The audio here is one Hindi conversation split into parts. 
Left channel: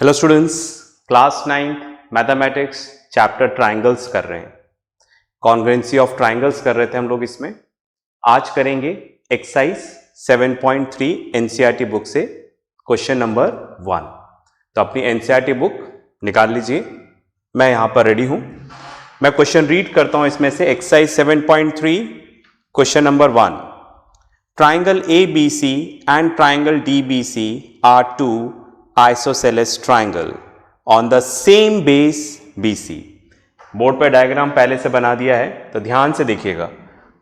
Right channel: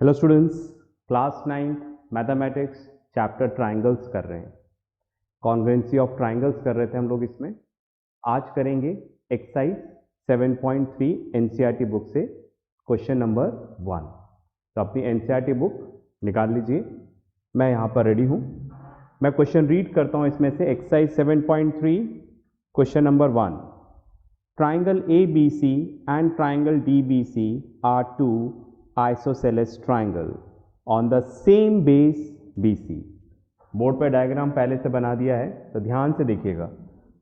Hello students, class 9 mathematics chapter triangles कर रहे हैं। कॉन्ग्रुएंसी ऑफ ट्राइंगल्स कर रहे थे हम लोग। इसमें आज करेंगे एक्सरसाइज 7.3 एनसीईआरटी बुक से क्वेश्चन नंबर 1। तो अपनी एनसीईआरटी बुक निकाल लीजिए, मैं यहाँ पर रेडी हूँ। मैं क्वेश्चन रीड करता हूँ इसमें से। Exercise 7.3 question number 1, triangle ABC and triangle DBC are two isosceles triangle on the same base BC। Board पर डायग्राम पहले से बना दिया है, तो ध्यान से देखिएगा।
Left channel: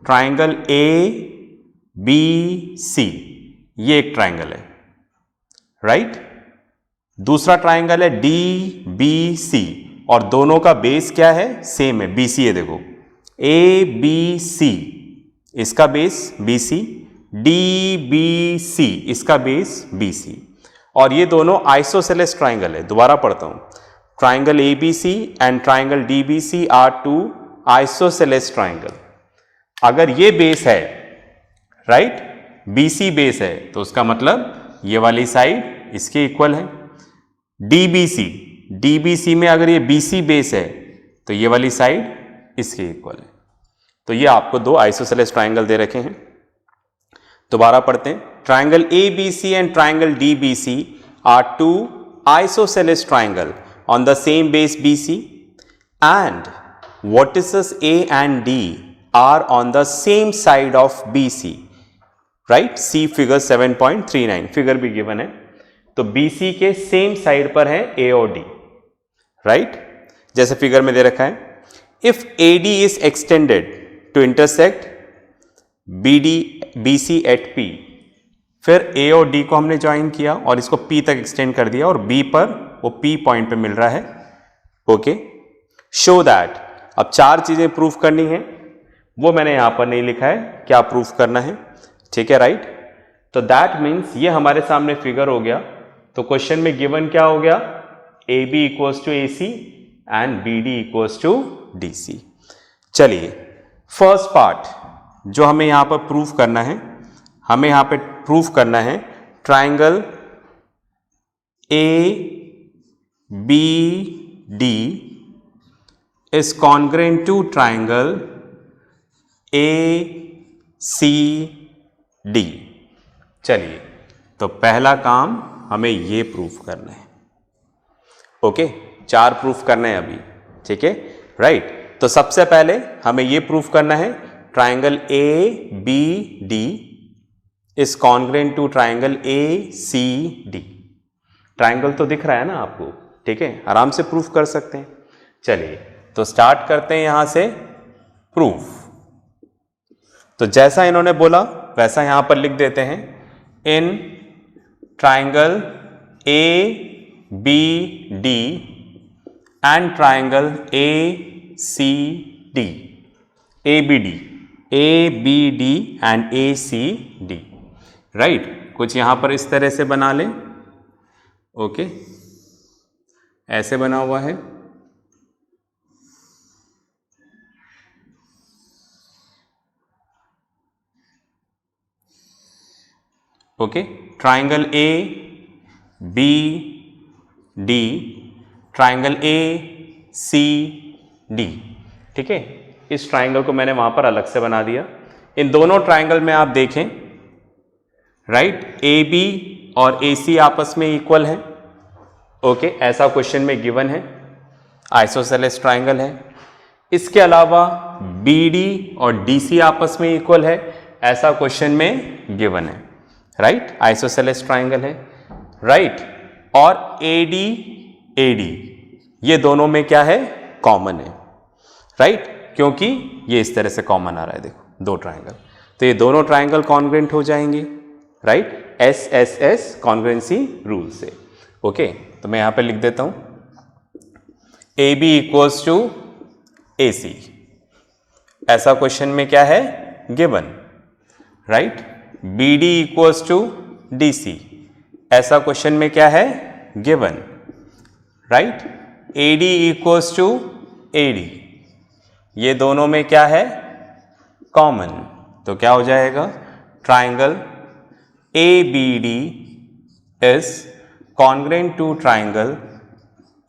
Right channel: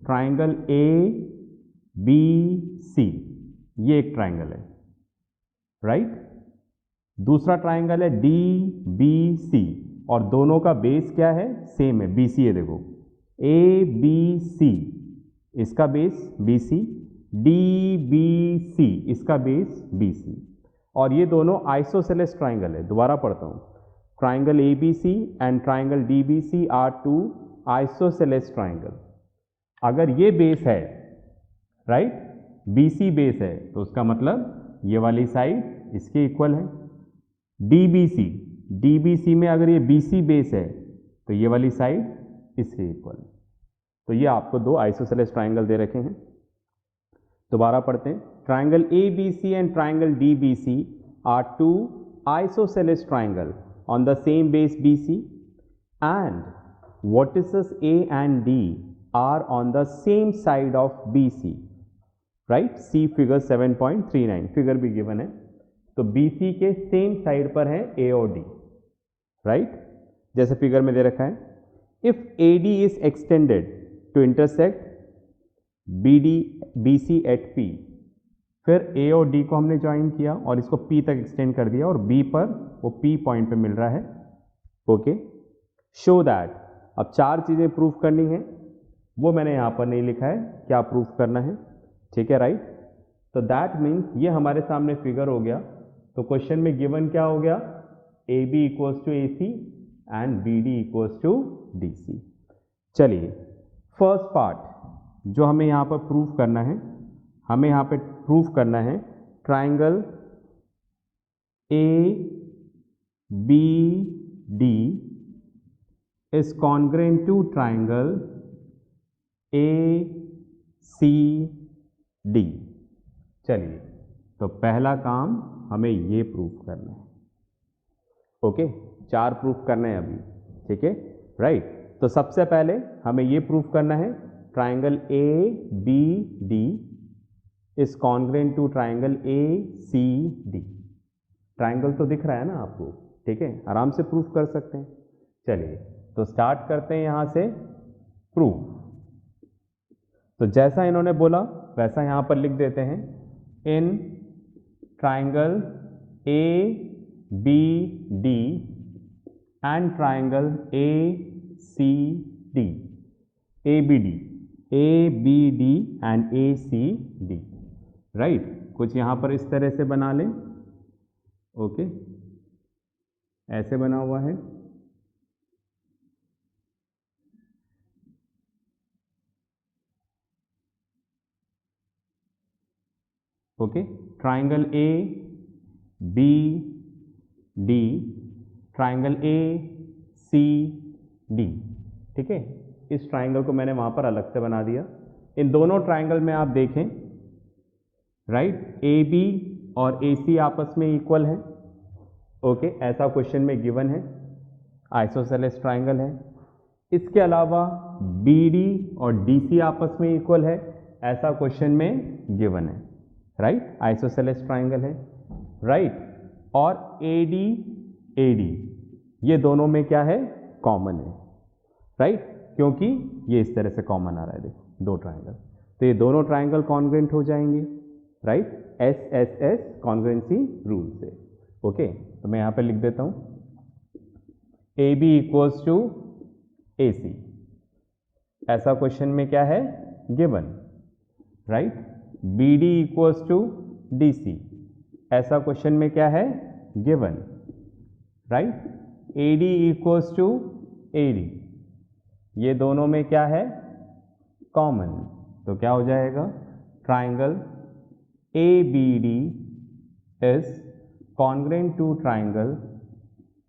ट्राइंगल ABC ये एक ट्राइंगल है, राइट। दूसरा ट्राइंगल है DBC और दोनों का बेस क्या है? सेम है, BC है। देखो ABC इसका बेस BC, DBC इसका बेस BC, और ये दोनों आइसोसेलेस ट्राइंगल है। दोबारा पढ़ता हूं, triangle ABC and triangle DBC are two isosceles triangle. अगर ये बेस है, राइट, BC बेस है, तो उसका मतलब ये वाली साइड इसके इक्वल है। DBC में अगर ये BC बेस है तो ये वाली साइड इसके इक्वल है। तो ये आपको दो आइसोसेलेस ट्राइंगल दे रखे हैं। दोबारा पढ़ते हैं, triangle ABC and triangle DBC are two isosceles triangle on the same base BC and vertices A and D are on the same side of BC, right. See figure 7.39 figure भी गिवन है। तो BC के सेम साइड पर है A और D, राइट, जैसे फिगर में दे रखा है। If AD is extended to intersect BC at P, फिर A और D को हमने ज्वाइन किया और इसको P तक एक्सटेंड कर दिया और B पर वो P पॉइंट पे मिल रहा है। Okay, show that. अब चार चीजें प्रूफ करनी है, वो मैंने यहां पर नहीं लिखा है, क्या प्रूफ करना है, ठीक है, राइट। तो दैट मीन्स ये हमारे सामने फिगर हो गया। तो क्वेश्चन में गिवन क्या हो गया? AB equals to AC and BD equals to DC। चलिए, फर्स्ट पार्ट जो हमें यहां पर प्रूफ करना है, हमें यहां पे प्रूफ करना है triangle ABD is congruent to triangle ACD। चलिए, तो पहला काम हमें ये प्रूफ करना है। ओके, चार प्रूफ करने हैं अभी, ठीक है, राइट। तो सबसे पहले हमें ये प्रूफ करना है triangle ABD is congruent to triangle ACD। Triangle तो दिख रहा है ना आपको, ठीक है, आराम से प्रूफ कर सकते हैं। चलिए, तो स्टार्ट करते हैं यहां से प्रूफ। तो जैसा इन्होंने बोला वैसा यहां पर लिख देते हैं। In triangle ABD and triangle ACD, ABD and ACD, right. कुछ यहां पर इस तरह से बना लें। ओके, ऐसे बना हुआ है। Okay, triangle ABD, triangle ACD, ठीक है। इस ट्राइंगल को मैंने वहां पर अलग से बना दिया। इन दोनों ट्राइंगल में आप देखें, राइट, AB और AC आपस में इक्वल है। ओके, ऐसा क्वेश्चन में गिवन है, आइसोसेलेस ट्राइंगल है। इसके अलावा BD और DC आपस में इक्वल है, ऐसा क्वेश्चन में गिवन है, राइट, आइसोसेलेस ट्राइंगल है, राइट। और AD ये दोनों में क्या है? कॉमन है, राइट, क्योंकि ये इस तरह से कॉमन आ रहा है, देखो, दो ट्राइंगल। तो ये दोनों ट्राइंगल कॉन्ग्रुएंट हो जाएंगे, राइट, SSS कॉन्ग्रुएंसी रूल से। ओके, तो मैं यहां पे लिख देता हूं AB इक्वल्स टू AC, ऐसा क्वेश्चन में क्या है? Given, right. BD equals to DC, ऐसा क्वेश्चन में क्या है? Given, right. AD equals to AD, ये दोनों में क्या है? कॉमन। तो क्या हो जाएगा? Triangle ABD is congruent to triangle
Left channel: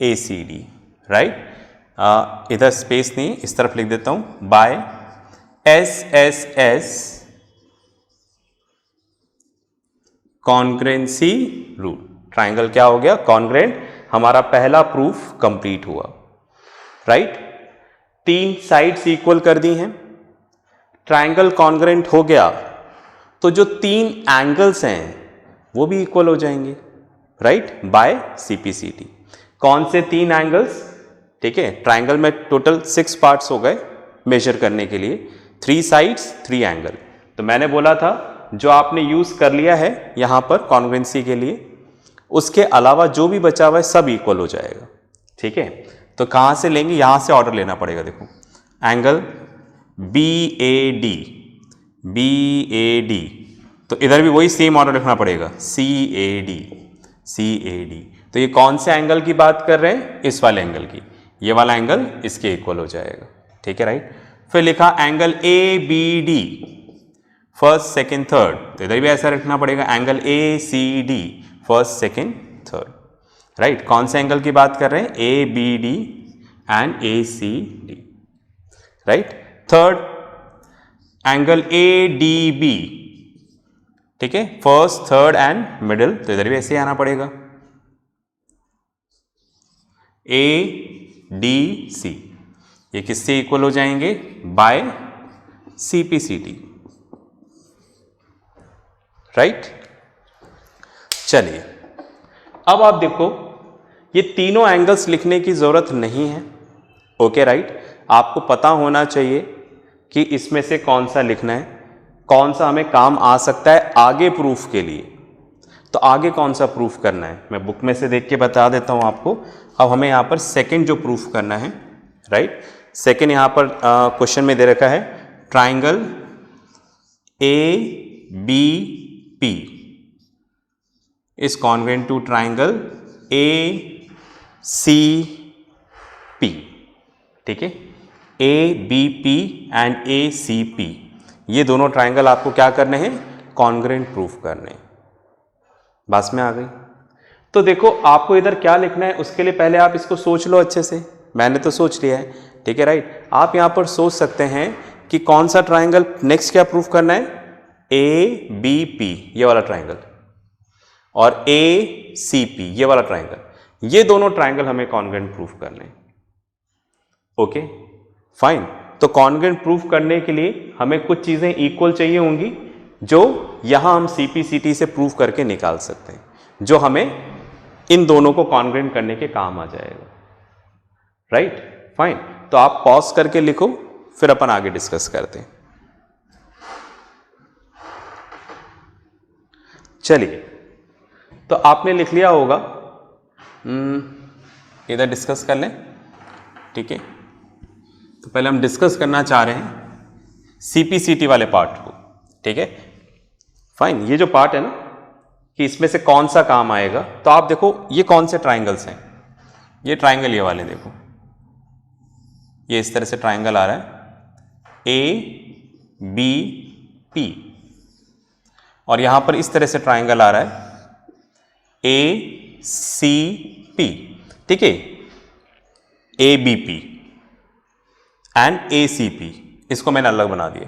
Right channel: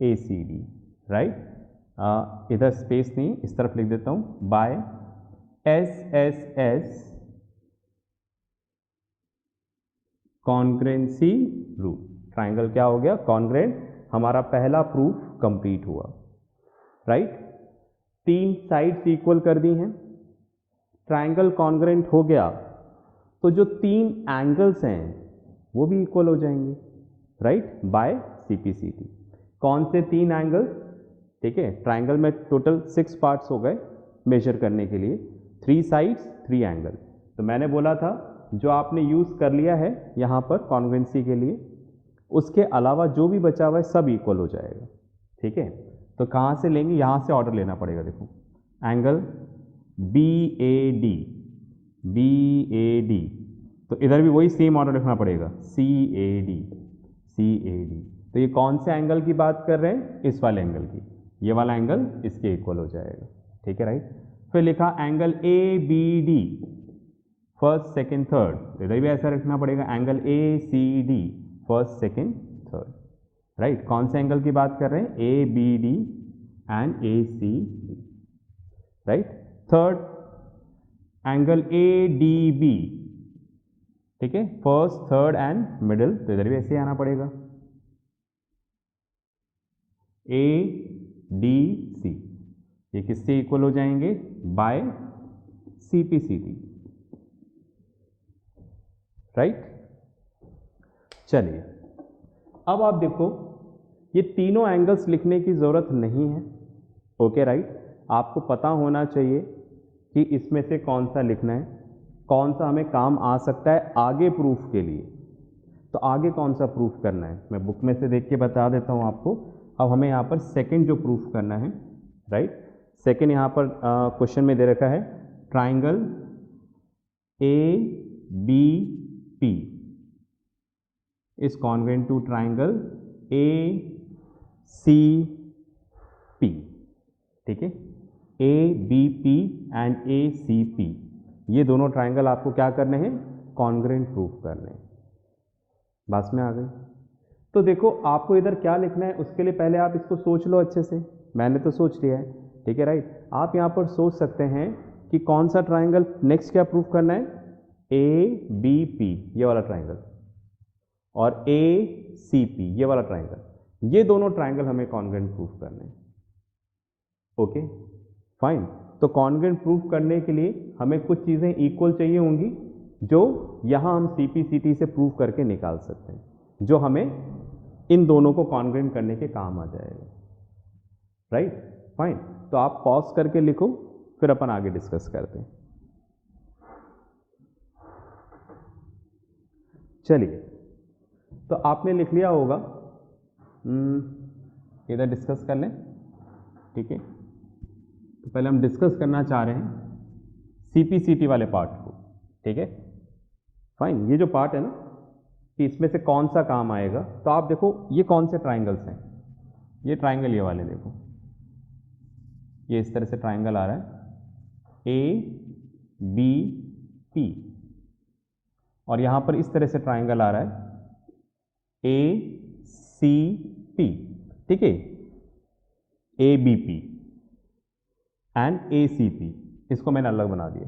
ACD, right. इधर स्पेस नहीं, इस तरफ लिख देता हूं, by SSS congruency rule. Triangle क्या हो गया? कॉन्ग्रेंट। हमारा पहला प्रूफ कंप्लीट हुआ, राइट। 3 साइड्स इक्वल कर दी हैं, ट्राइंगल कॉन्ग्रेंट हो गया तो जो 3 एंगल्स हैं वो भी इक्वल हो जाएंगे, राइट, बाय CPCT। कौन से 3 एंगल्स? ठीक है, ट्राइंगल में टोटल 6 पार्ट्स हो गए मेजर करने के लिए, 3 साइड्स 3 एंगल। तो मैंने बोला था जो आपने यूज कर लिया है यहां पर कॉन्ग्रेंसी के लिए, उसके अलावा जो भी बचा हुआ है सब इक्वल हो जाएगा, ठीक है। तो कहां से लेंगे? यहां से ऑर्डर लेना पड़ेगा। देखो एंगल BAD, तो इधर भी वही सेम ऑर्डर रखना पड़ेगा, CAD। तो ये कौन से एंगल की बात कर रहे हैं? इस वाले एंगल की। ये वाला एंगल इसके इक्वल हो जाएगा, ठीक है, राइट। फिर लिखा angle ABD, first second third, तो इधर भी ऐसा रखना पड़ेगा, angle ACD, first second third, right. कौन से एंगल की बात कर रहे हैं? ABD and ACD, right. Third angle ADB, ठीक है, फर्स्ट थर्ड एंड मिडिल, तो इधर भी ऐसे ही आना पड़ेगा, ADC। ये किससे इक्वल हो जाएंगे? By CPCT, right. चलिए अब आप देखो, ये तीनों एंगल्स लिखने की जरूरत नहीं है, ओके, राइट। आपको पता होना चाहिए कि इसमें से कौन सा लिखना है, कौन सा हमें काम आ सकता है आगे प्रूफ के लिए। तो आगे कौन सा प्रूफ करना है मैं बुक में से देख के बता देता हूं आपको। अब हमें यहां पर सेकंड जो प्रूफ करना है, राइट, सेकंड यहां पर क्वेश्चन में दे रखा है triangle ABP is congruent to triangle ACP, ठीक है, ABP एंड ACP, ये दोनों ट्राइंगल आपको क्या करने हैं? कॉन्ग्रेंट प्रूफ करने हैं। बात में आ गई? तो देखो आपको इधर क्या लिखना है, उसके लिए पहले आप इसको सोच लो अच्छे से। मैंने तो सोच लिया है, ठीक है, राइट। आप यहां पर सोच सकते हैं कि कौन सा ट्राइंगल नेक्स्ट क्या प्रूफ करना है? ABP, ये वाला ट्राइंगल, और ACP, ये वाला ट्राइंगल। ये दोनों ट्राइंगल हमें कॉन्ग्रेंट प्रूफ करने हैं, ओके, फाइन। तो कॉन्ग्रेंट प्रूफ करने के लिए हमें कुछ चीजें इक्वल चाहिए होंगी, जो यहां हम CPCT से प्रूफ करके निकाल सकते हैं, जो हमें इन दोनों को कॉन्ग्रेंट करने के काम आ जाएगा, राइट, फाइन। तो आप पॉज करके लिखो, फिर अपन आगे डिस्कस करते हैं। चलिए, तो आपने लिख लिया होगा, इधर डिस्कस कर लें, ठीक है। तो पहले हम डिस्कस करना चाह रहे हैं CPCT वाले पार्ट को, ठीक है, फाइन। ये जो पार्ट है ना कि इसमें से कौन सा काम आएगा, तो आप देखो ये कौन से ट्राइंगल्स हैं। ये ट्राइंगल ये वाले देखो, ये इस तरह से ट्राइंगल आ रहा है ABP, और यहां पर इस तरह से ट्राइंगल आ रहा है ACP, ठीक है, ABP एंड ACP, इसको मैंने अलग बना दिया।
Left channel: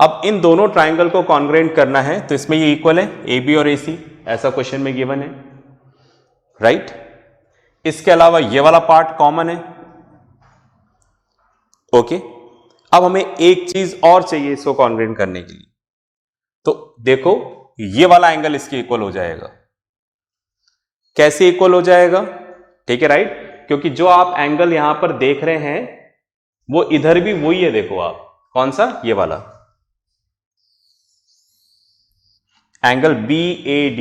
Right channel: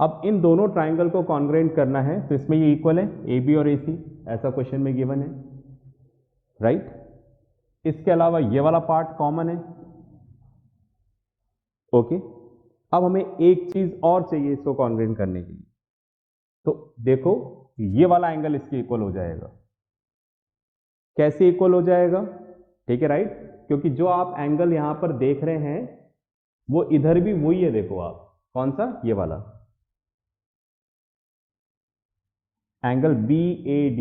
अब इन दोनों ट्राइंगल को कॉन्ग्रेंट करना है, तो इसमें ये इक्वल है AB और AC, ऐसा क्वेश्चन में गिवन है, राइट। इसके अलावा ये वाला पार्ट कॉमन है, ओके। अब हमें एक चीज और चाहिए इसको कॉन्ग्रेंट करने के लिए, तो देखो ये वाला एंगल इसके इक्वल हो जाएगा। कैसे इक्वल हो जाएगा? ठीक है, राइट, क्योंकि जो आप एंगल यहां पर देख रहे हैं वो इधर भी वही है, देखो आप, कौन सा? ये वाला एंगल BAD,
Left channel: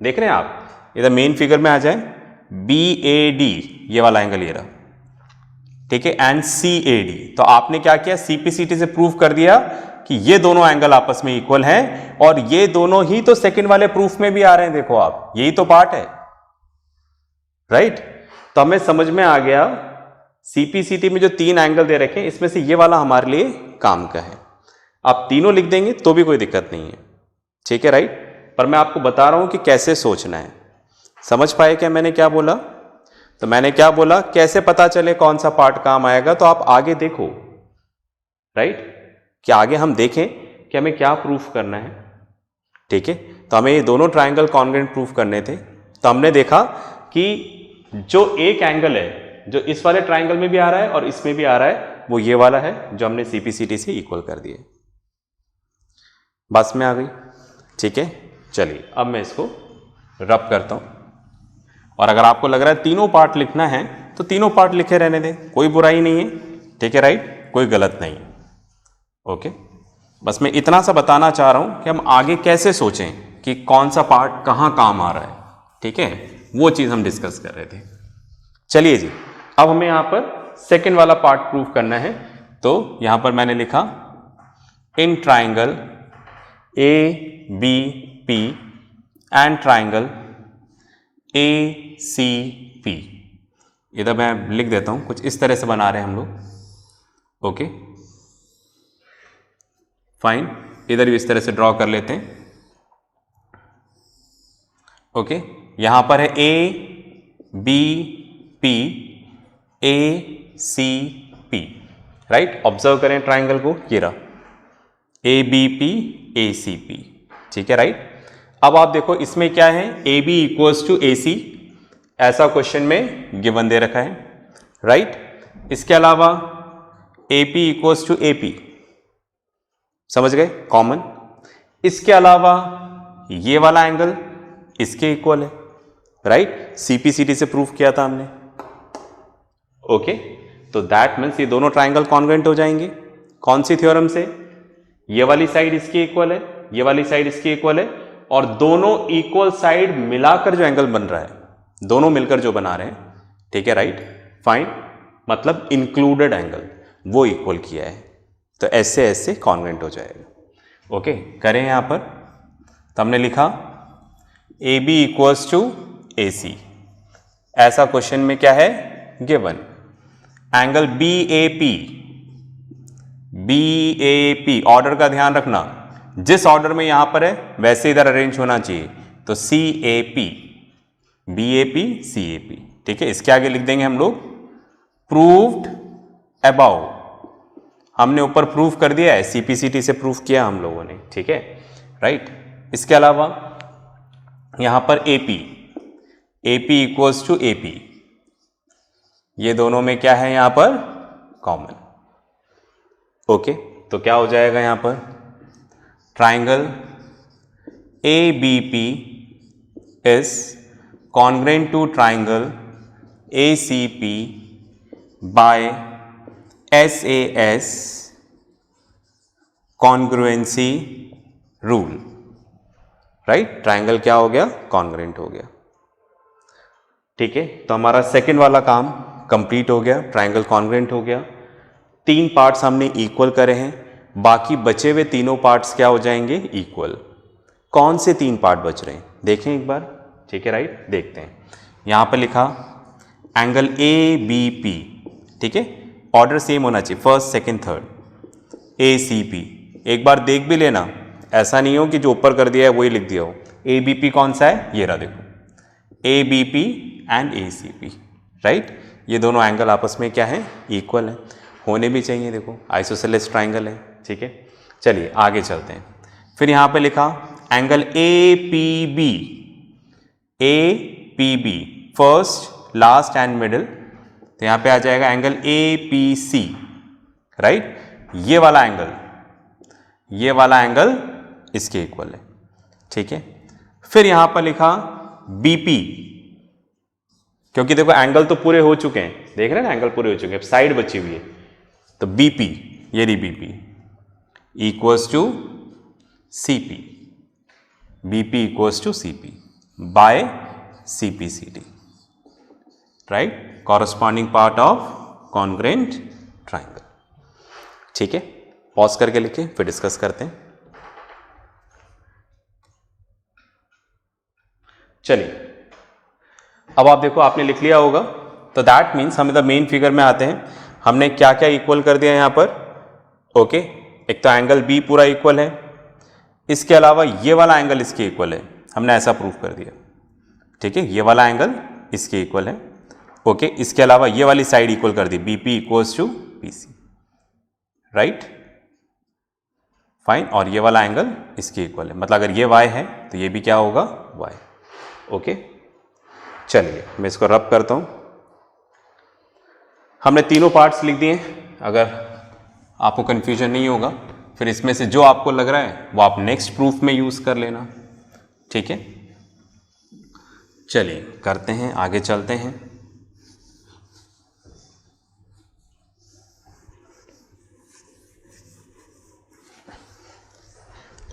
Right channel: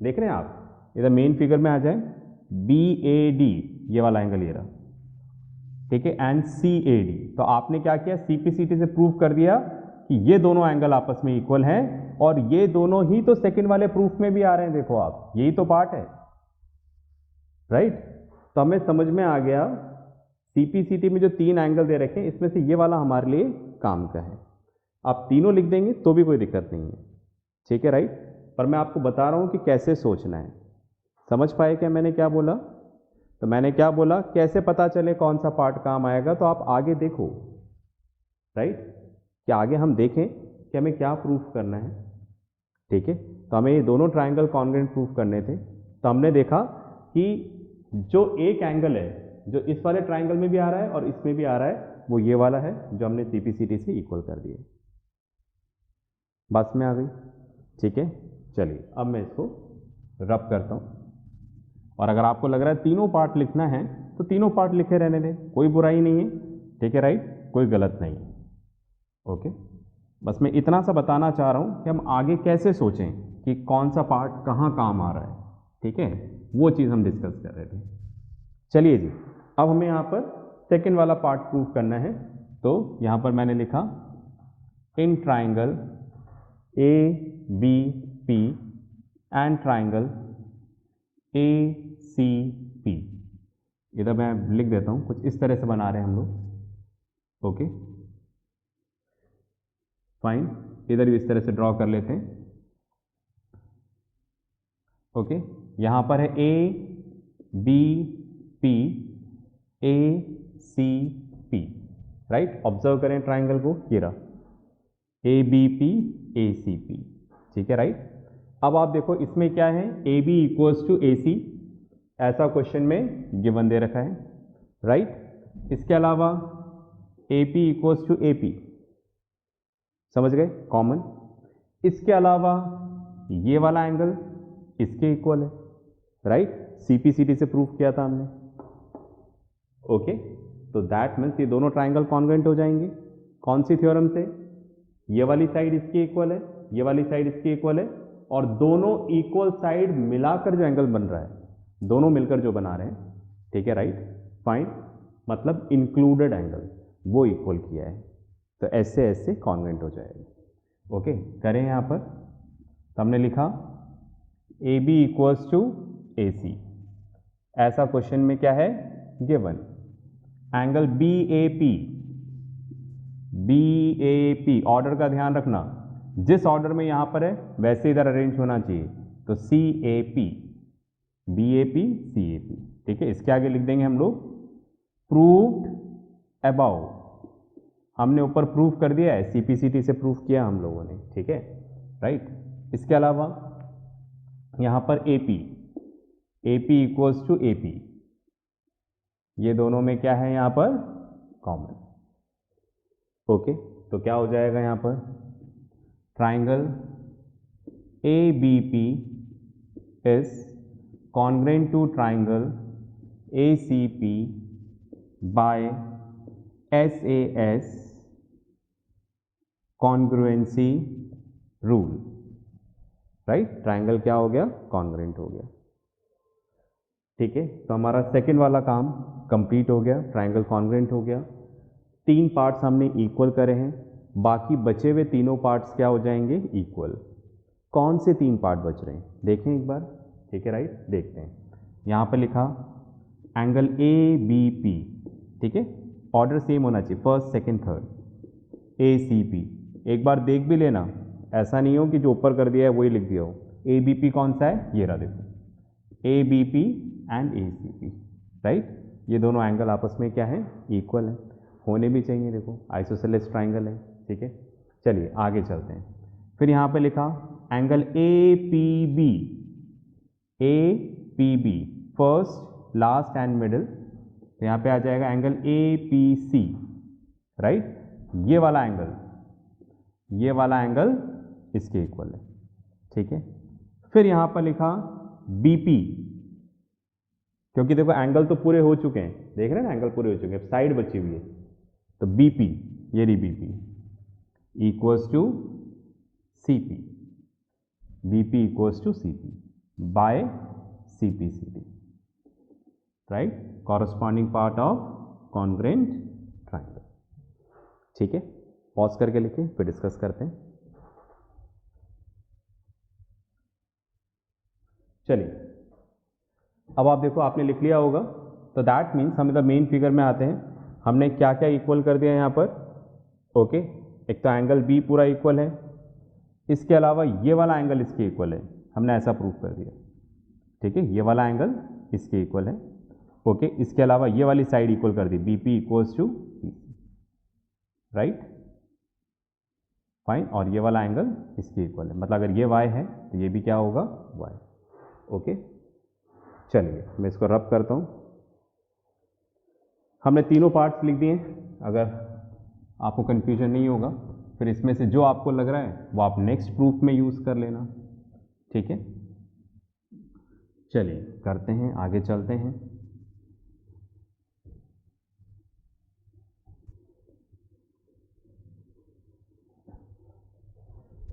देख रहे हैं आप, इधर मेन फिगर में आ जाए, BAD, ये वाला एंगल ये रहा, ठीक है, एंड CAD। तो आपने क्या किया? CPCT से प्रूफ कर दिया कि ये दोनों एंगल आपस में इक्वल हैं, और ये दोनों ही तो सेकंड वाले प्रूफ में भी आ रहे हैं, देखो आप, यही तो पार्ट है, राइट। तो हमें समझ में आ गया CPCT में जो 3 एंगल दे रखे हैं, इसमें से ये वाला हमारे लिए काम का है। आप तीनों लिख देंगे तो भी कोई दिक्कत नहीं है, ठीक है, राइट। पर मैं आपको बता रहा हूं कि कैसे सोचना है। समझ पाए क्या मैंने क्या बोला? तो मैंने क्या बोला, कैसे पता चले कौन सा पार्ट काम आएगा, तो आप आगे देखो, राइट, कि आगे हम देखें कि हमें क्या प्रूफ करना है, ठीक है। तो हमें ये दोनों ट्राइंगल कॉन्ग्रुएंट प्रूफ करने थे। तो हमने देखा कि जो एक एंगल है जो इस वाले ट्राइंगल में भी आ रहा है और इसमें भी आ रहा है, वो ये वाला है जो हमने CPCT से इक्वल कर दिए। बस में आ गई, ठीक है। चलिए अब मैं इसको रब करता हूं, और अगर आपको लग रहा है तीनों पार्ट लिखना है तो तीनों पार्ट लिखे रहने दें, कोई बुराई नहीं है, ठीक है, राइट, कोई गलत नहीं है, ओके। बस मैं इतना सा बताना चाह रहा हूं कि हम आगे कैसे सोचें कि कौन सा पार्ट कहां काम आ रहा है, ठीक है, वो चीज हम डिस्कस कर रहे थे। चलिए जी, अब हमें यहां पर सेकंड वाला पार्ट प्रूफ करना है। तो यहां पर मैंने लिखा in triangle ABP and triangle ACP, इधर मैं लिख देता हूं, कुछ इस तरह से बना रहे हैं हम लोग, ओके फाइन। इधर भी इस तरह से ड्रॉ कर लेते हैं, ओके। यहां पर है ABP ACP, राइट। ऑब्जर्व करें ट्राइंगल को, ये रहा ABP ACP, ठीक है, राइट। अब आप देखो इसमें क्या है, AB इक्वल्स टू AC, ऐसा क्वेश्चन में गिवन दे रखा है, राइट। इसके अलावा AP इक्वल्स टू AP, समझ गए, कॉमन। इसके अलावा ये वाला एंगल इसके इक्वल है, राइट, CPCT से प्रूफ किया था हमने, ओके। तो दैट मीन्स ये दोनों ट्राइंगल कॉन्ग्रुएंट हो जाएंगे। कौन सी थ्योरम से? ये वाली साइड इसकी इक्वल है, ये वाली साइड इसकी इक्वल है, और दोनों इक्वल साइड मिलाकर जो एंगल बन रहा है, दोनों मिलकर जो बना रहे हैं, ठीक है, राइट, फाइन, मतलब इंक्लूडेड एंगल वो इक्वल किया है, तो ऐसे ऐसे कॉन्ग्रुएंट हो जाएगा, ओके। करें यहां पर, तो हमने लिखा AB इक्वल्स टू AC, ऐसा क्वेश्चन में क्या है गिवन। एंगल BAP, ऑर्डर का ध्यान रखना, जिस ऑर्डर में यहां पर है वैसे इधर अरेंज होना चाहिए, तो CAP, BAP CAP, ठीक है। इसके आगे लिख देंगे हम लोग प्रूव्ड अबाउ, हमने ऊपर प्रूफ कर दिया है, CPCT से प्रूफ किया हम लोगों ने, ठीक है, राइट। इसके अलावा यहां पर AP इक्वल्स टू AP, ये दोनों में क्या है यहां पर कॉमन, ओके। तो क्या हो जाएगा यहां पर, triangle ABP is congruent to triangle ACP by SAS congruency rule, right. Triangle क्या हो गया, कॉन्ग्रुएंट हो गया, ठीक है। तो हमारा सेकंड वाला काम कंप्लीट हो गया, ट्राइंगल कॉन्ग्रुएंट हो गया। तीन पार्ट्स हमने इक्वल करे हैं, बाकी बचे हुए तीनों पार्ट्स क्या हो जाएंगे, इक्वल। कौन से तीन पार्ट बच रहे हैं देखें एक बार, ठीक है, राइट, देखते हैं। यहां पर लिखा एंगल ABP, ठीक है, ऑर्डर सेम होना चाहिए, फर्स्ट सेकंड थर्ड। ACP एक बार देख भी लेना, ऐसा नहीं हो कि जो ऊपर कर दिया है वही लिख दिया हो। ABP कौन सा है, ये रहा देखो, ABP एंड ACP, राइट। ये दोनों एंगल आपस में क्या है, इक्वल है, होने भी चाहिए, देखो आइसोसेलेस ट्राइंगल है, ठीक है। चलिए आगे चलते हैं। फिर यहां पे लिखा angle APB first last and middle, तो यहां पे आ जाएगा एंगल APC, राइट। ये वाला एंगल इसके इक्वल है, ठीक है। फिर यहां पर लिखा BP, क्योंकि देखो एंगल तो पूरे हो चुके हैं, देख रहे हैं ना, एंगल पूरे हो चुके हैं, साइड बची हुई है, तो BP, ये रही BP equals to CP, BP equals to CP by CPCT, right, corresponding part of congruent triangle, ठीक है। पॉज करके लिखे, फिर डिस्कस करते हैं। चलिए अब आप देखो, आपने लिख लिया होगा, तो दैट मीन्स हम इधर मेन फिगर में आते हैं। हमने क्या क्या इक्वल कर दिया यहां पर, ओके। एक तो एंगल B पूरा इक्वल है, इसके अलावा ये वाला एंगल इसके इक्वल है, हमने ऐसा प्रूफ कर दिया, ठीक है, ये वाला एंगल इसके इक्वल है। ओके, इसके अलावा ये वाली साइड इक्वल कर दी, BP equals to PC, right, fine. और ये वाला एंगल इसके इक्वल है, मतलब अगर ये वाई है तो ये भी क्या होगा, वाई। ओके, चलिए मैं इसको रब करता हूं। हमने तीनों पार्ट्स लिख दिए। अगर आपको कंफ्यूजन नहीं होगा, फिर इसमें से जो आपको लग रहा है वो आप नेक्स्ट प्रूफ में यूज कर लेना, ठीक है। चलिए करते हैं, आगे चलते हैं।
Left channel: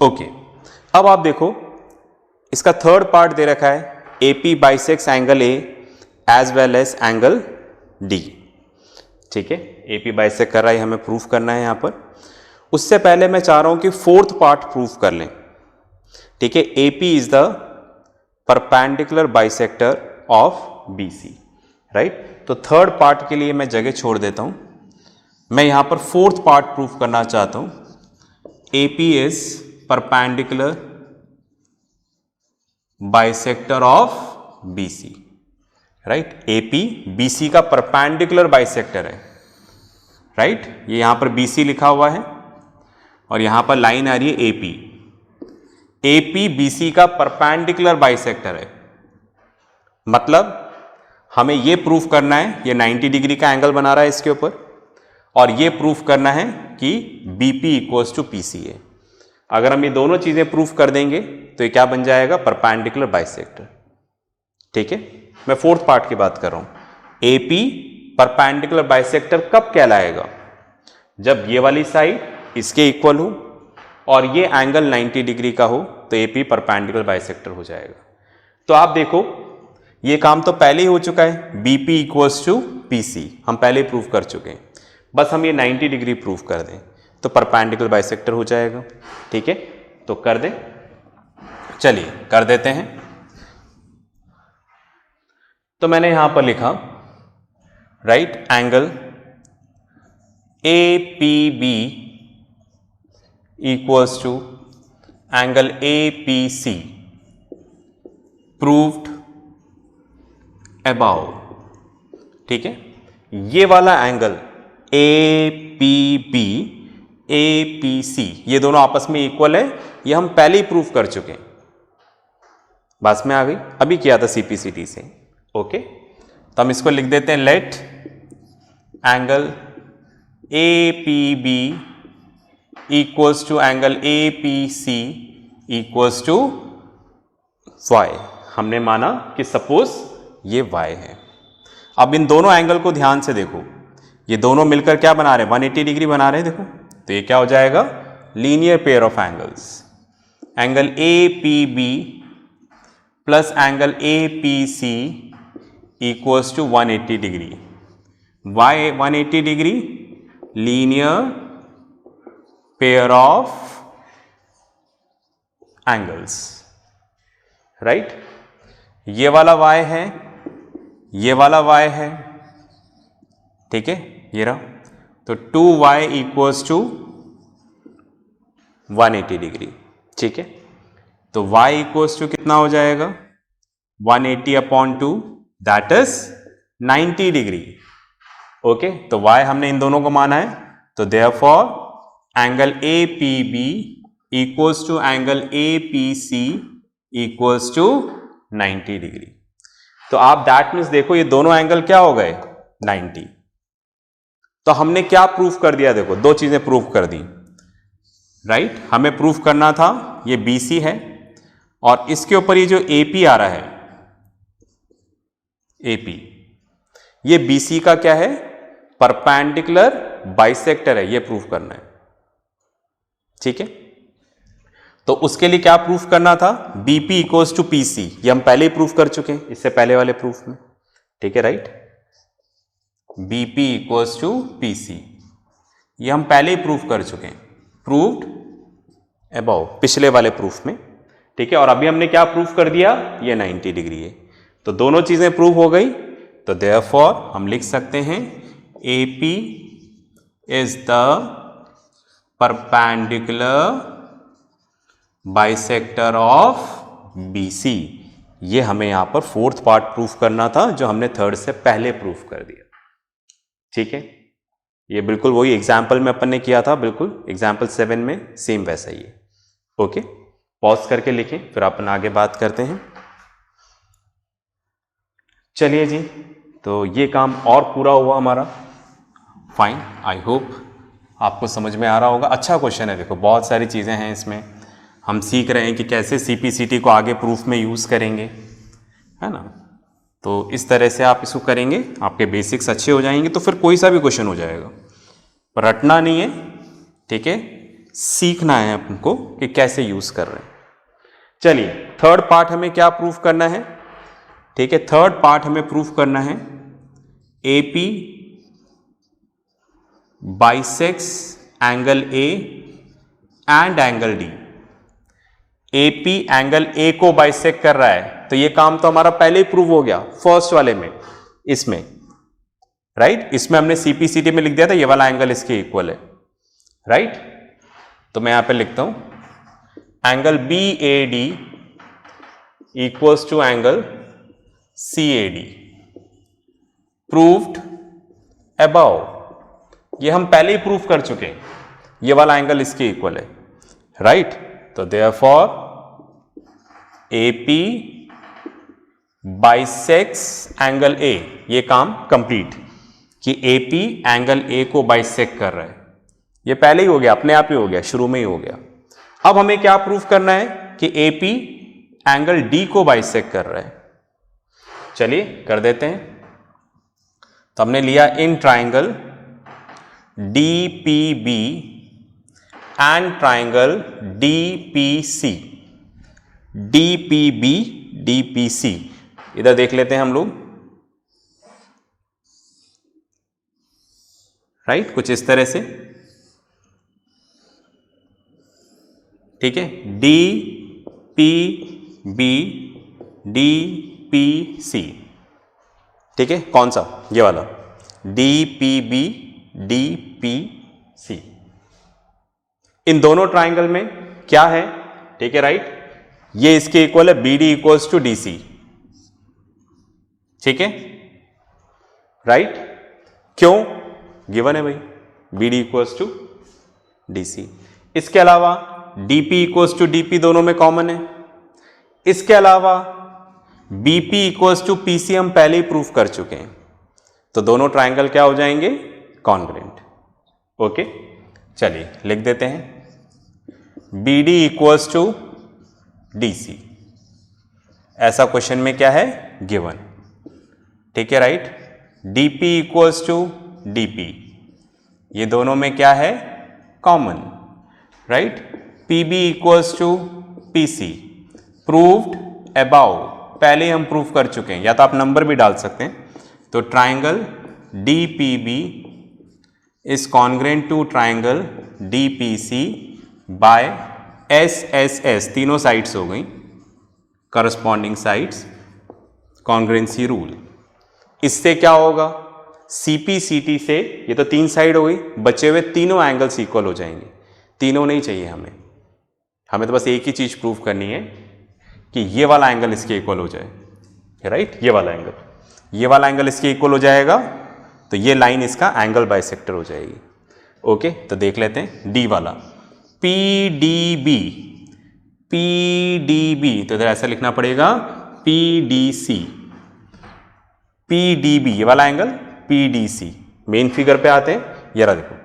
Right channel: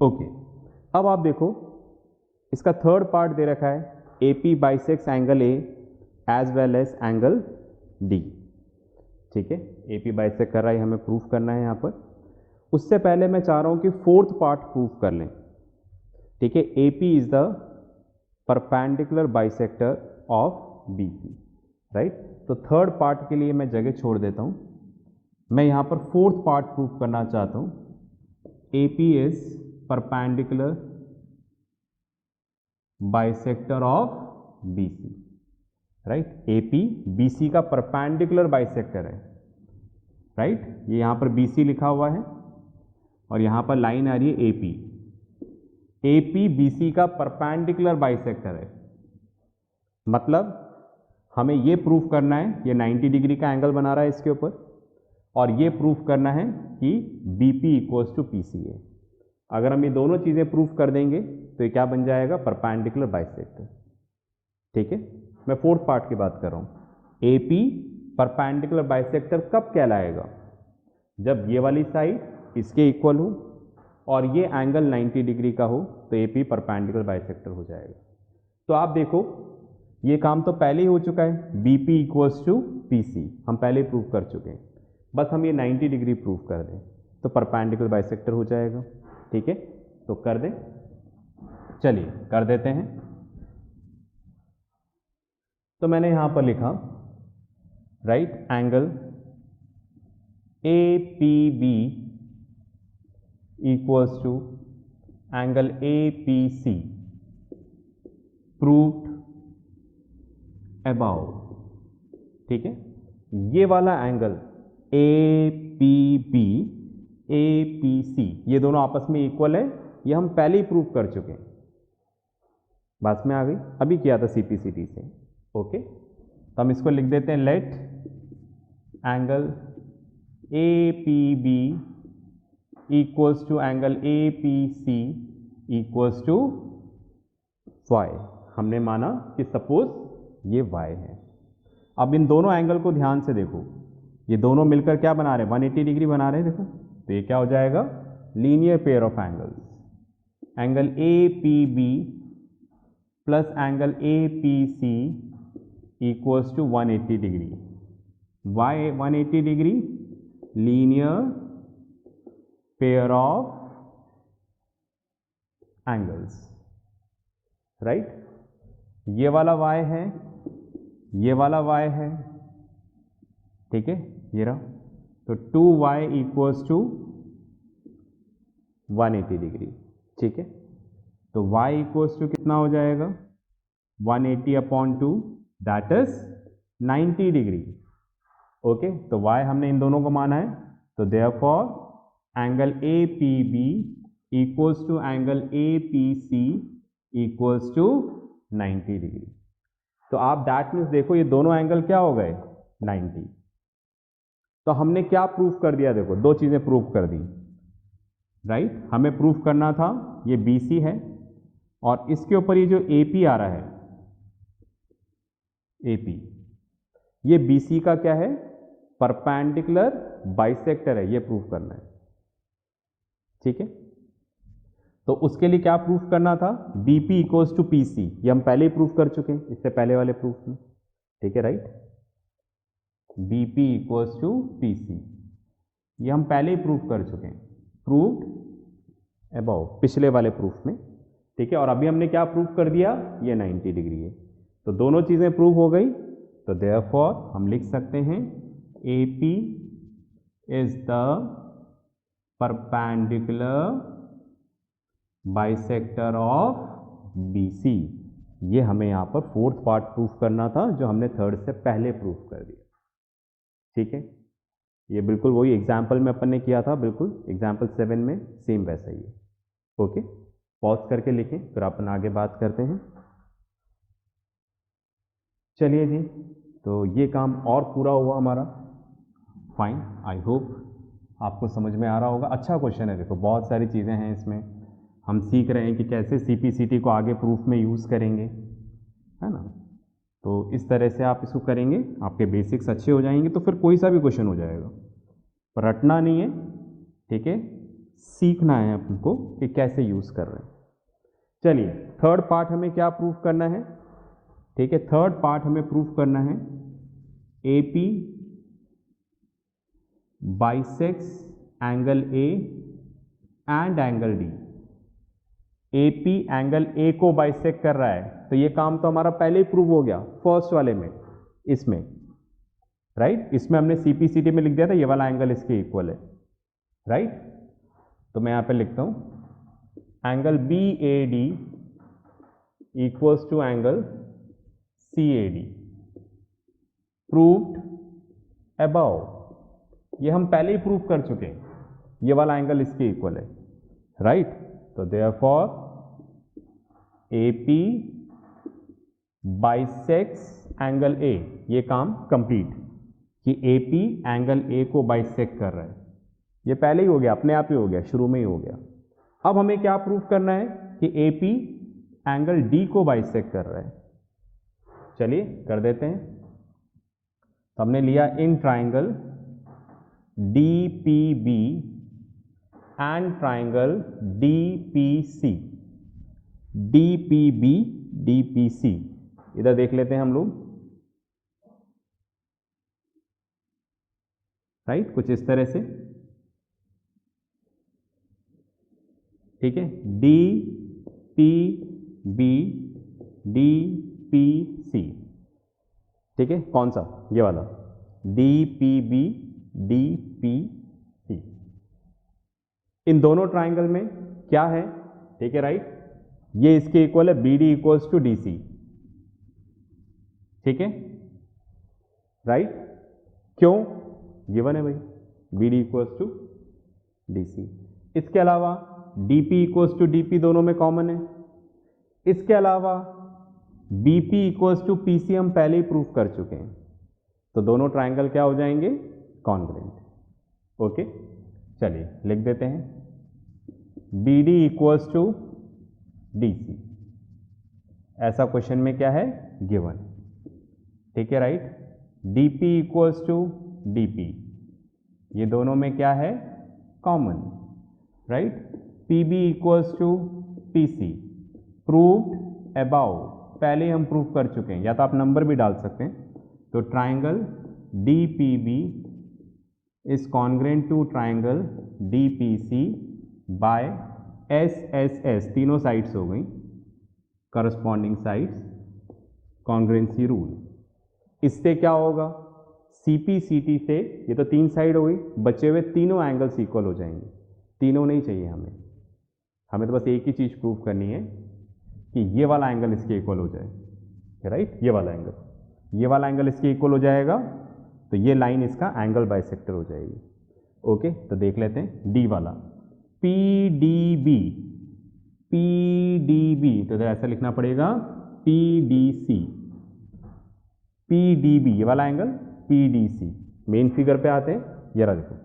ओके, अब आप देखो इसका थर्ड पार्ट दे रखा है, AP bisects angle A as well as angle D, ठीक है। एपी बाइसेक्ट कर रहा है, हमें प्रूफ करना है यहां पर। उससे पहले मैं चाह रहा हूं कि फोर्थ पार्ट प्रूफ कर लें, ठीक है। AP is the perpendicular bisector of BC, right. तो थर्ड पार्ट के लिए मैं जगह छोड़ देता हूं, मैं यहां पर फोर्थ पार्ट प्रूफ करना चाहता हूं। AP is perpendicular bisector of BC, right. AP BC का परपेंडिकुलर बाइसेक्टर है, राइट। ये यहां पर बीसी लिखा हुआ है और यहां पर लाइन आ रही है एपी। एपी बीसी का परपेंडिकुलर बाइसेक्टर है, मतलब हमें यह प्रूफ करना है, ये 90 डिग्री का एंगल बना रहा है इसके ऊपर, और यह प्रूफ करना है कि बीपी इक्वल्स टू पीसी है। अगर हम ये दोनों चीजें प्रूफ कर देंगे तो ये क्या बन जाएगा, परपेंडिकुलर बाइसेक्टर, ठीक है। मैं फोर्थ पार्ट की बात कर रहा हूं। एपी परपेंडिकुलर बाइसेक्टर कब कहलाएगा, जब ये वाली साइड इसके इक्वल हो और ये एंगल 90 डिग्री का हो, तो एपी परपेंडिकुलर बाइसेक्टर हो जाएगा। तो आप देखो ये काम तो पहले ही हो चुका है, बीपी इक्वल्स टू पीसी हम पहले ही प्रूफ कर चुके हैं, बस हम ये 90 डिग्री प्रूफ कर दें तो परपेंडिकुलर बाइसेक्टर हो जाएगा, ठीक है। तो कर दें, चलिए कर देते हैं। तो मैंने यहां पर लिखा, right, angle A P B equals to angle A P C proved above, ठीक है। ये वाला angle A P B A P C ये दोनों आपस में इक्वल है, ये हम पहले ही प्रूफ कर चुके हैं, बात में आ गई, अभी किया था सीपीसीटी से। ओके, तो हम इसको लिख देते हैं, let angle A P B equals to angle A P C equals to Y. हमने माना कि सपोज ये वाई है। अब इन दोनों एंगल को ध्यान से देखो, ये दोनों मिलकर क्या बना रहे हैं, 180 डिग्री बना रहे हैं, देखो। तो ये क्या हो जाएगा, linear pair of angles, angle A P B plus angle A P C equals to 180 degree. Y 180 degree, linear pair of angles, right. ये वाला y है, ये वाला y है, ठीक है, ये रहा। तो 2y इक्वल्स टू 180 डिग्री, ठीक है। तो y इक्वल्स टू कितना हो जाएगा, 180 upon 2, that is 90 degree. Okay, तो y हमने इन दोनों को माना है, तो therefore angle A P B equals to angle A P C equals to 90 degree. तो आप दैट मीन्स देखो ये दोनों एंगल क्या हो गए, 90। तो हमने क्या प्रूफ कर दिया, देखो दो चीजें प्रूफ कर दी, राइट। हमें प्रूफ करना था ये BC है और इसके ऊपर ये जो AP आ रहा है, AP, ये BC का क्या है, परपेंडिकुलर बाइसेक्टर है, ये प्रूफ करना है, ठीक है। तो उसके लिए क्या प्रूफ करना था, BP इक्वल्स टू PC, ये हम पहले ही प्रूफ कर चुके हैं इससे पहले वाले प्रूफ में, ठीक है, right. BP equals to PC ये हम पहले ही प्रूफ कर चुके हैं, प्रूव्ड अबाउ, पिछले वाले प्रूफ में, ठीक है। और अभी हमने क्या प्रूफ कर दिया, ये 90 डिग्री है, तो दोनों चीजें प्रूव हो गई। तो देयरफॉर हम लिख सकते हैं AP is the perpendicular bisector of BC, ये हमें यहाँ पर फोर्थ पार्ट प्रूफ करना था जो हमने थर्ड से पहले प्रूफ कर दिया। ठीक है, ये बिल्कुल वही एग्जाम्पल में अपन ने किया था, बिल्कुल एग्जाम्पल 7 में सेम वैसा ही है। ओके, पॉज करके लिखें फिर अपन आगे बात करते हैं। चलिए जी, तो ये काम और पूरा हुआ हमारा। फाइन, आई होप आपको समझ में आ रहा होगा। अच्छा क्वेश्चन है, देखो बहुत सारी चीज़ें हैं इसमें, हम सीख रहे हैं कि कैसे सीपीसीटी को आगे प्रूफ में यूज़ करेंगे, है ना। तो इस तरह से आप इसको करेंगे, आपके बेसिक्स अच्छे हो जाएंगे, तो फिर कोई सा भी क्वेश्चन हो जाएगा। पर रटना नहीं है, ठीक है, सीखना है आपको कि कैसे यूज़ कर रहे हैं। चलिए, थर्ड पार्ट हमें क्या प्रूफ करना है? ठीक है, थर्ड पार्ट हमें प्रूफ करना है AP bisects angle A and angle D. AP angle A को बाइसेक्ट कर रहा है, तो ये काम तो हमारा पहले ही प्रूव हो गया फर्स्ट वाले में, इसमें राइट। इसमें हमने सीपीसीटी में लिख दिया था ये वाला एंगल इसके इक्वल है, राइट। तो मैं यहां पे लिखता हूं angle B A D equals to angle C A D, proved above. ये हम पहले ही प्रूफ कर चुके हैं, ये वाला एंगल इसके इक्वल है, राइट। तो देयरफॉर एपी बाइसेक्स एंगल ए, ये काम कंप्लीट कि एपी एंगल ए को बाइसेक्ट कर रहा है। ये पहले ही हो गया, अपने आप ही हो गया, शुरू में ही हो गया। अब हमें क्या प्रूफ करना है कि एपी एंगल डी को बाइसेक्ट कर रहा है। चलिए कर देते हैं। तो हमने लिया in triangle DPB and triangle DPC, DPB DPC, इधर देख लेते हैं हम लोग, राइट, कुछ इस तरह से, ठीक है, D P B D P C, ठीक है, कौन सा? ये वाला D P B D P C. इन दोनों ट्राइंगल में क्या है, ठीक है, राइट, ये इसके इक्वल है B D equals to D C, ठीक है, राइट। क्यों? गिवन है भाई, B D equals to D C. इसके अलावा डीपी इक्वल्स टू डीपी दोनों में कॉमन है। इसके अलावा बीपी इक्वल्स टू पीसी हम पहले ही प्रूफ कर चुके हैं, तो दोनों ट्राइंगल क्या हो जाएंगे? कॉन्ग्रुएंट। ओके, चलिए लिख देते हैं B D equals to D C. ऐसा क्वेश्चन में क्या है? गिवन, ठीक है, right. DP equals to DP, ये दोनों में क्या है? Common, right. PB equals to PC, proved above, पहले हम प्रूफ कर चुके हैं, या तो आप नंबर भी डाल सकते हैं। तो triangle DPB is congruent to triangle DPC by S S S, तीनों साइड्स हो गई करस्पॉन्डिंग साइड्स, कॉन्ग्रुएंसी रूल। इससे क्या होगा? सीपीसीटी से, ये तो तीन साइड हो गई, बचे हुए तीनों एंगल्स इक्वल हो जाएंगे। तीनों नहीं चाहिए हमें, हमें तो बस एक ही चीज प्रूफ करनी है कि ये वाला एंगल इसके इक्वल हो जाए, राइट। ये वाला एंगल, ये वाला एंगल इसके इक्वल हो जाएगा, तो ये लाइन इसका एंगल बाइसेक्टर हो जाएगी। ओके, तो देख लेते हैं डी वाला, P D B, P D B, तो इधर ऐसा लिखना पड़ेगा P D C, P D B, ये वाला angle P D C. Main figure पे आते हैं, ये रहा देखो,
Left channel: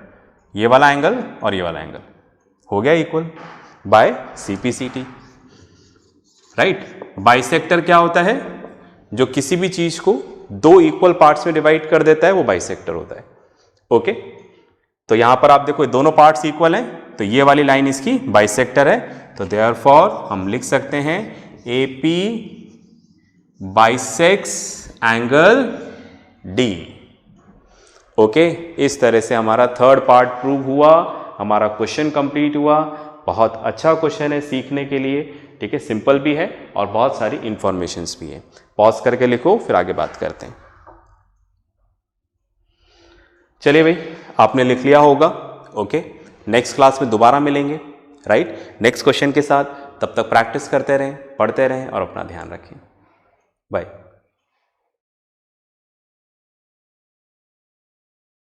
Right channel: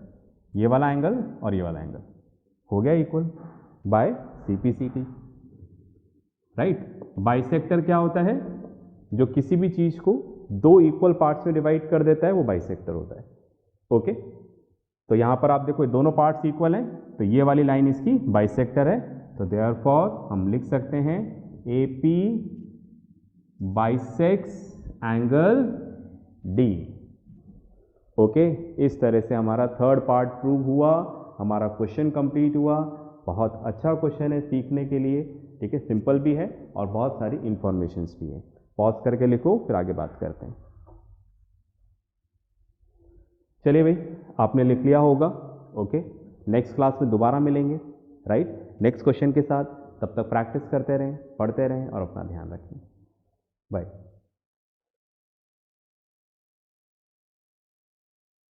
ये वाला एंगल और ये वाला एंगल हो गया equal bye CPCT, right. Bisector क्या होता है? जो किसी भी चीज को दो इक्वल पार्ट्स में डिवाइड कर देता है, वो बाइसेक्टर होता है। ओके, तो यहां पर आप देखो दोनों पार्ट्स इक्वल हैं, तो ये वाली लाइन इसकी बाइसेक्टर है, तो देयरफॉर हम लिख सकते हैं AP bisects angle D. Okay, इस तरह से हमारा थर्ड पार्ट प्रूव हुआ, हमारा क्वेश्चन कंप्लीट हुआ। बहुत अच्छा क्वेश्चन है सीखने के लिए, ठीक है, सिंपल भी है और बहुत सारी इंफॉर्मेशंस भी है। पॉज करके लिखो, फिर आगे बात करते हैं। चलिए भाई, आपने लिख लिया होगा। ओके, नेक्स्ट क्लास में दोबारा मिलेंगे, राइट, नेक्स्ट क्वेश्चन के साथ। तब तक प्रैक्टिस करते रहें, पढ़ते रहें और अपना ध्यान रखें। बाय।